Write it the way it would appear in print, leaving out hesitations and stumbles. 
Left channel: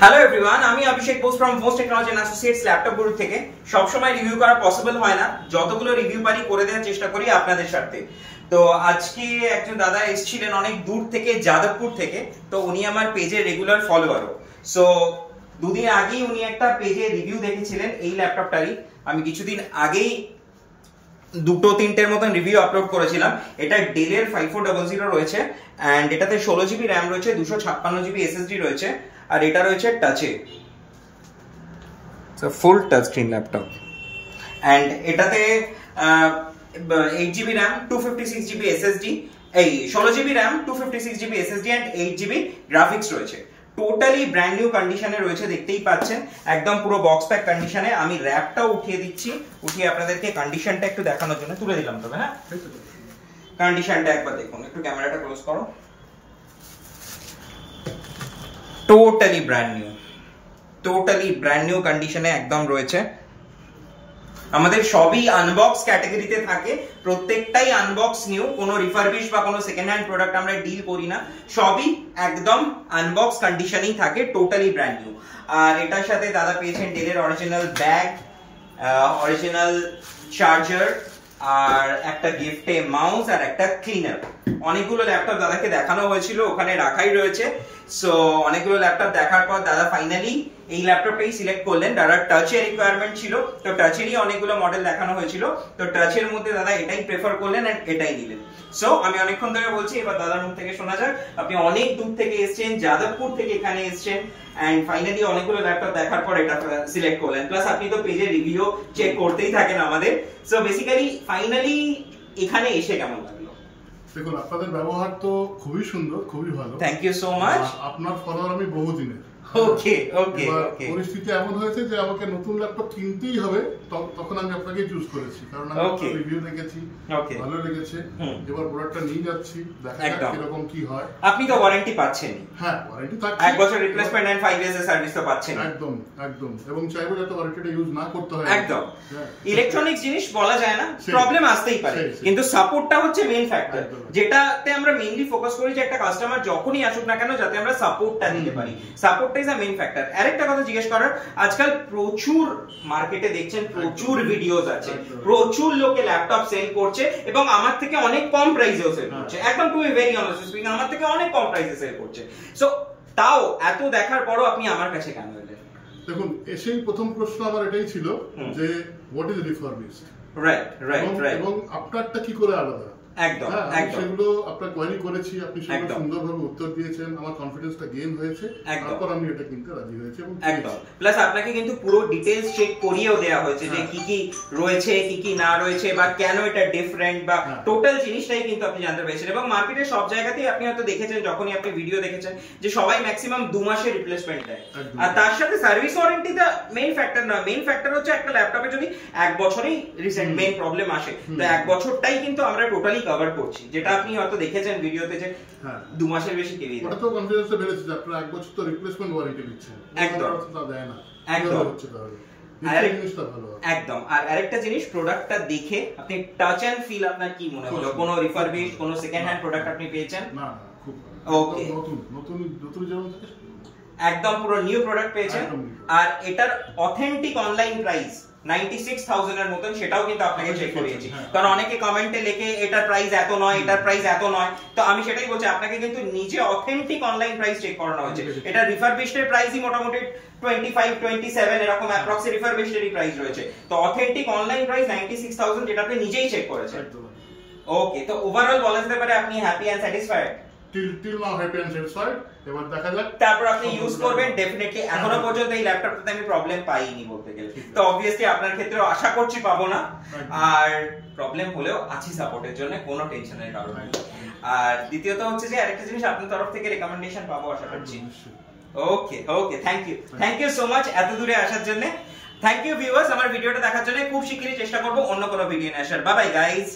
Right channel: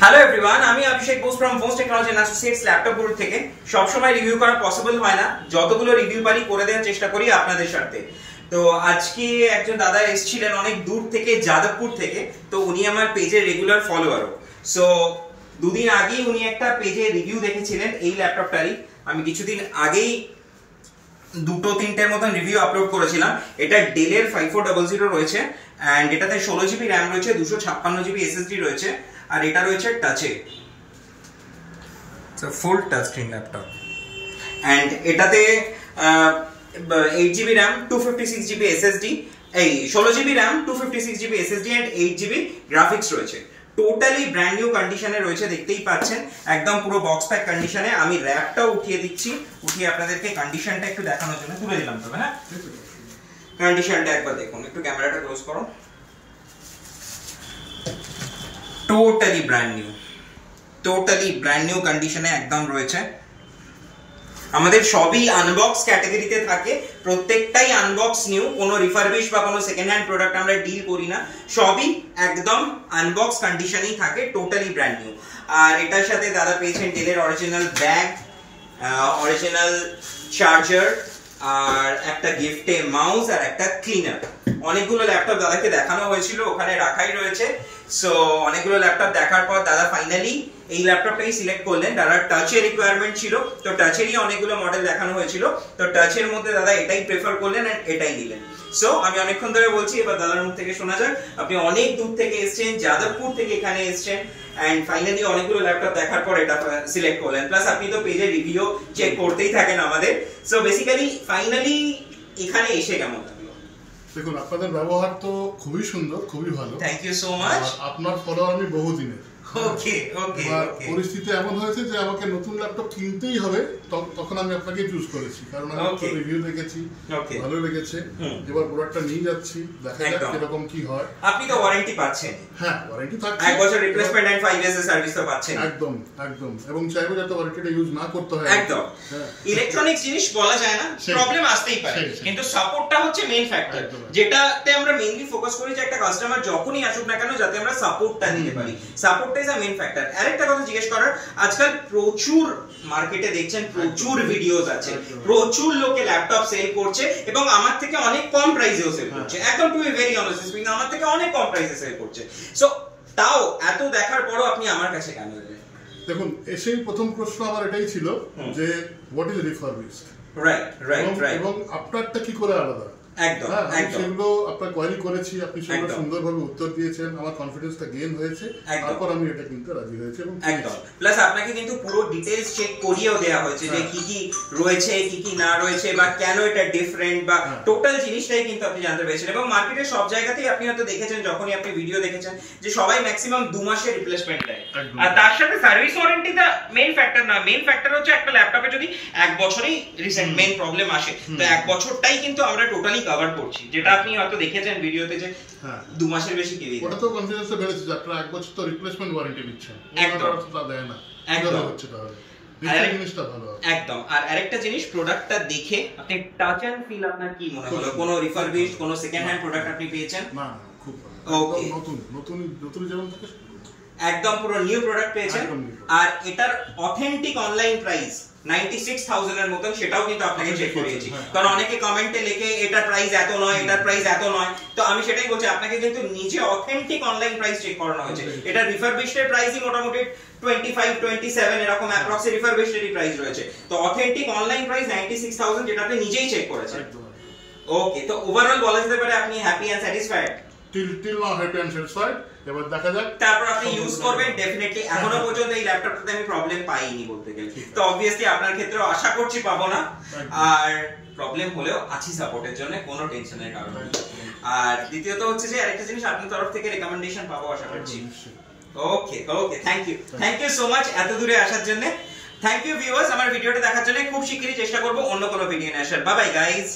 Hello everyone, আমি Abhishek Bose from Bose Technology and Associates Laptop Guru থেকে। সব সময় রিভিউ করা পসিবল হয় না, যতগুলো রিভিউ পারি করে দেওয়ার চেষ্টা করি আপনাদের সাথে। তো আজকে একজন দাদা এসেছিলেন অনেক দূর থেকে, যাদবপুর থেকে। তো উনি আমার পেজের রেগুলার ফলোয়ারও। সো দুদিন আগেই উনি একটা পেজে রিভিউ দেখেছিলেন এই ল্যাপটপটারই। আমি কিছুদিন আগেই দুটো তিনটের মতন রিভিউ আপলোড করেছিলাম। এটা ডেলের 5400 রয়েছে অ্যান্ড এটাতে 16 জিবি র্যাম রয়েছে, 256 জিবি এসএসডি রয়েছে, আর এটা রয়েছে টাচে। Full touch screen laptop and এটাতে 8 জিবি র্যাম, 256 জিবি এসএসডি, এই 16 GB RAM, 256 GB SSD and 8 GB graphics রয়েছে। টোটালি ব্র্যান্ড নিউ কন্ডিশনে রয়েছে, দেখতেই পাচ্ছেন একদম পুরো বক্স প্যাক কন্ডিশনে। আমি র্যাপটাও উঠিয়ে দিচ্ছি, উঠিয়ে আপনাদেরকে কন্ডিশনটা একটু দেখানোর জন্য তুলে দিলাম। তবে হ্যাঁ, কন্ডিশনটা একবার দেখুন, একটু ক্যামেরাটা ক্লোজ করো। টোটালি ব্র্যান্ড নিউ কন্ডিশনে একদম রয়েছে। আমাদের সবই আনবক্স ক্যাটাগরিতে থাকে, প্রত্যেকটাই আনবক্স নিউ, কোনো রিফারবিশ বা কোনো সেকেন্ড হ্যান্ড প্রোডাক্ট আমরা ডিল করি না, সবই একদম আনবক্স কন্ডিশনেই থাকে, টোটালি ব্র্যান্ড নিউ। আর এটার সাথে দাদা পেয়েছেন ডেলের অরিজিনাল ব্যাগ, অরিজিনাল চার্জার, আর একটা গিফটে মাউস আর একটা ক্লিনার। অনেকগুলো ল্যাপটপ দাদাকে দেখানো হয়েছিল, ওখানে রাখাই রয়েছে। সো অনেকগুলো ল্যাপটপ দেখার পর দাদা ফাইনালি এই ল্যাপটপটাই সিলেক্ট করলেন। দাদার টাচের রিকোয়ারমেন্ট ছিল, তো টাচেরই অনেকগুলো মডেল দেখানো হয়েছিল, তো টাচের মধ্যে দাদা এটাই প্রেফার করলেন এন্ড এটাই নিলেন। সো আমি অনেকক্ষণ ধরে বলছি, এবার দাদার মুখ থেকে শোনা যাক। আপনি অনেক দূর থেকে এসেছেন, যাদবপুর থেকে এখানে এসেছেন এন্ড ফাইনালি অনেকগুলো ল্যাপটপ দেখার পর এটা সিলেক্ট করলেন। প্লাস আপনি তো পেজের রিভিউ চেক করতেই থাকেন আমাদের। সো বেসিক্যালি ফাইনালি এখানে এসে কেমন লাগলো? দেখুন, আপনাদের ব্যবহার তো খুবই সুন্দর, খুবই ভালো। Thank you so much. আপনার ফলোয়ার আমি বহুদিনের। ওকে ওকে। পরিস্থিতি এমন হয়েছে যে আমাকে নতুন ল্যাপটপ কিনতেই হবে, তখন আমি আপনাকে চুজ করেছি, কারণ আমি আপনার রিভিউ দেখেছি, ভালো লেগেছে। এবার প্রোডাক্টটা নিয়ে যাচ্ছি, দেখা যাক কিরকম কি হয়। আপনি তো ওয়ারেন্টি পাচ্ছেন? হ্যাঁ, ওয়ারেন্টি থাকছে, 1 বছর রিপ্লেসমেন্ট এন্ড 5 ইয়ার্স এর সার্ভিস তো পাচ্ছেন। একদম একদম, এবং চাইবো যাতে ওয়ারেন্টিটা ইউজ না করতে হয়। একদম, ইলেকট্রনিক্স জিনিস বলা যায় না, প্রবলেম আসতেই পারে, কিন্তু সাপোর্টটা হচ্ছে মেইন ফ্যাক্টর, যেটাতে আমরা মেইনলি ফোকাস করি যে একটা কাস্টমার যখনই আসুক না কেন যাতে আমরা সাপোর্টটা দিতে পারি। সাপোর্টটা ইজ আ মেইন ফ্যাক্টর। আরেকটা কথা জিজ্ঞেস করার, আজকাল প্রচুর মার্কেটে দেখছেন প্রচুর ভিডিওস আছে, প্রচুর লোকে ল্যাপটপ সেল করছে এবং আমার থেকে অনেক কম প্রাইসেও সেল করছে। একদম to be very honest speaking, আমার থেকে অনেক কম প্রাইসে সেল করছে। সো তাও এত দেখার পরও আপনি আমার কাছে কেন এলেন? দেখুন, এসেই প্রথম প্রশ্ন আমার এটাই ছিল যে হোয়াট ইজ রিফারবিশড, এবং আপনারটা কি করে আলাদা। একদম সেগুলো আপনার কোয়ারি করেছি, আপনি সেগুলো সুন্দরভাবে উত্তর দিয়েছেন, আমার কনফিডেন্সটা গেইন হয়েছে, তারপর আমি এটা কিনতে রাজি হয়েছি। এবং একদম, প্লাস আপনাকে কিন্তু পুরো ডিটেইলস চেক করিয়েও দেয়া হয়েছে যে কি কি রয়েছে, কি কি না রয়েছে, বা কেন এটা ডিফারেন্ট, বা টোটাল জিনিসটাই কিন্তু আপনি জানতে পেরেছেন। এবং মার্কেটের সব জায়গাতেই আপনি হয়তো দেখেছেন, যখনই আপনি ভিডিও দেখেছেন, যে সবাই ম্যাক্সিমাম 2 মাসের রিপ্লেসমেন্ট দেয়, আর তার সাথে সার্ভিস ওয়ারেন্টিটা মেইন ফ্যাক্টর না। মেইন ফ্যাক্টর হচ্ছে একটা ল্যাপটপে যদি 1 বছরেই রিসেন্ট মেইন প্রবলেম আসে, তো 1 বছরটাই কিন্তু আমরা টোটালি কভার করছি, যেটা আপনি হয়তো দেখেছেন ভিডিওতে যে 2 মাসের বেশি কেউই ওটা তো কনফিডেন্সে বেড়েছে যে আপনারা 1 বছর তো রিপ্লেসমেন্ট ওয়ারেন্টি দিচ্ছেন, একদম তা দেয় না। একদম হচ্ছে তাহলে জিনিসটা ভালো। একদম। আর আরেকটা জিনিস, প্রোডাক্টটা দেখে আপনি টাচ এন্ড ফিল আপনার কি মনে হলো? কোনো রিফারবিশড, কোনো সেকেন্ড হ্যান্ড প্রোডাক্ট আপনি পেয়েছেন? না, খুব ভালো। ওকে, নতুন যেমন থাকে একদম পুরো নিউ প্রোডাক্ট পেয়েছেন। আর এটার অথেন্টিক অনলাইন প্রাইস 96,000 এর মতন, সেটাও কিন্তু আপনাকে চেক করিয়েছি, কারণ অনেকে কমেন্টে লেখে এটার প্রাইস এত নয়, এটার প্রাইস এত নয়। তো আমি সেটাই বলছি, আপনাকে কিন্তু নিজে অথেন্টিক অনলাইন প্রাইস চেক করানো হয়েছে। এটা রিফারবিশড এর প্রাইসই মোটামুটি 25-27 এরকম অ্যাপ্রক্স রিফারবিশড এর প্রাইস রয়েছে। তো অথেন্টিক অনলাইন প্রাইস 96,000, যেটা আপনি নিজেই চেক করেছেন। ওকে, তো ওভারঅল বলা যেতে পারে আপনি happy and satisfied? Till now happy and satisfied. এবার দেখা যাক, তারপর আপনি ইউজ করবেন। ডেফিনেটলি এখনো পর্যন্ত এই ল্যাপটপটাতে আমি প্রবলেম পাইনি বলতে গেলে, তো অবভিয়াসলি আপনার ক্ষেত্রেও আশা করছি পাবো না। আর প্রবলেম হলেও আছি সাপোর্টের জন্য, কোনো টেনশনের কারণ নেই। আর দ্বিতীয়ত হচ্ছে যে আরেকটা জিনিস, আপনার তরফ থেকে রেকমেন্ডেশন পাবো আশা করছি। ওকে ওকে, থ্যাংক ইউ সো মাচ এত দূরে আসার জন্য। থ্যাংক ইউ ভিউয়ার্স, আমার ভিডিওটা দেখার জন্য। খুব শিগগিরই চেষ্টা করব অন্য কোনো ভিডিও নিয়ে আসার। Bye bye guys.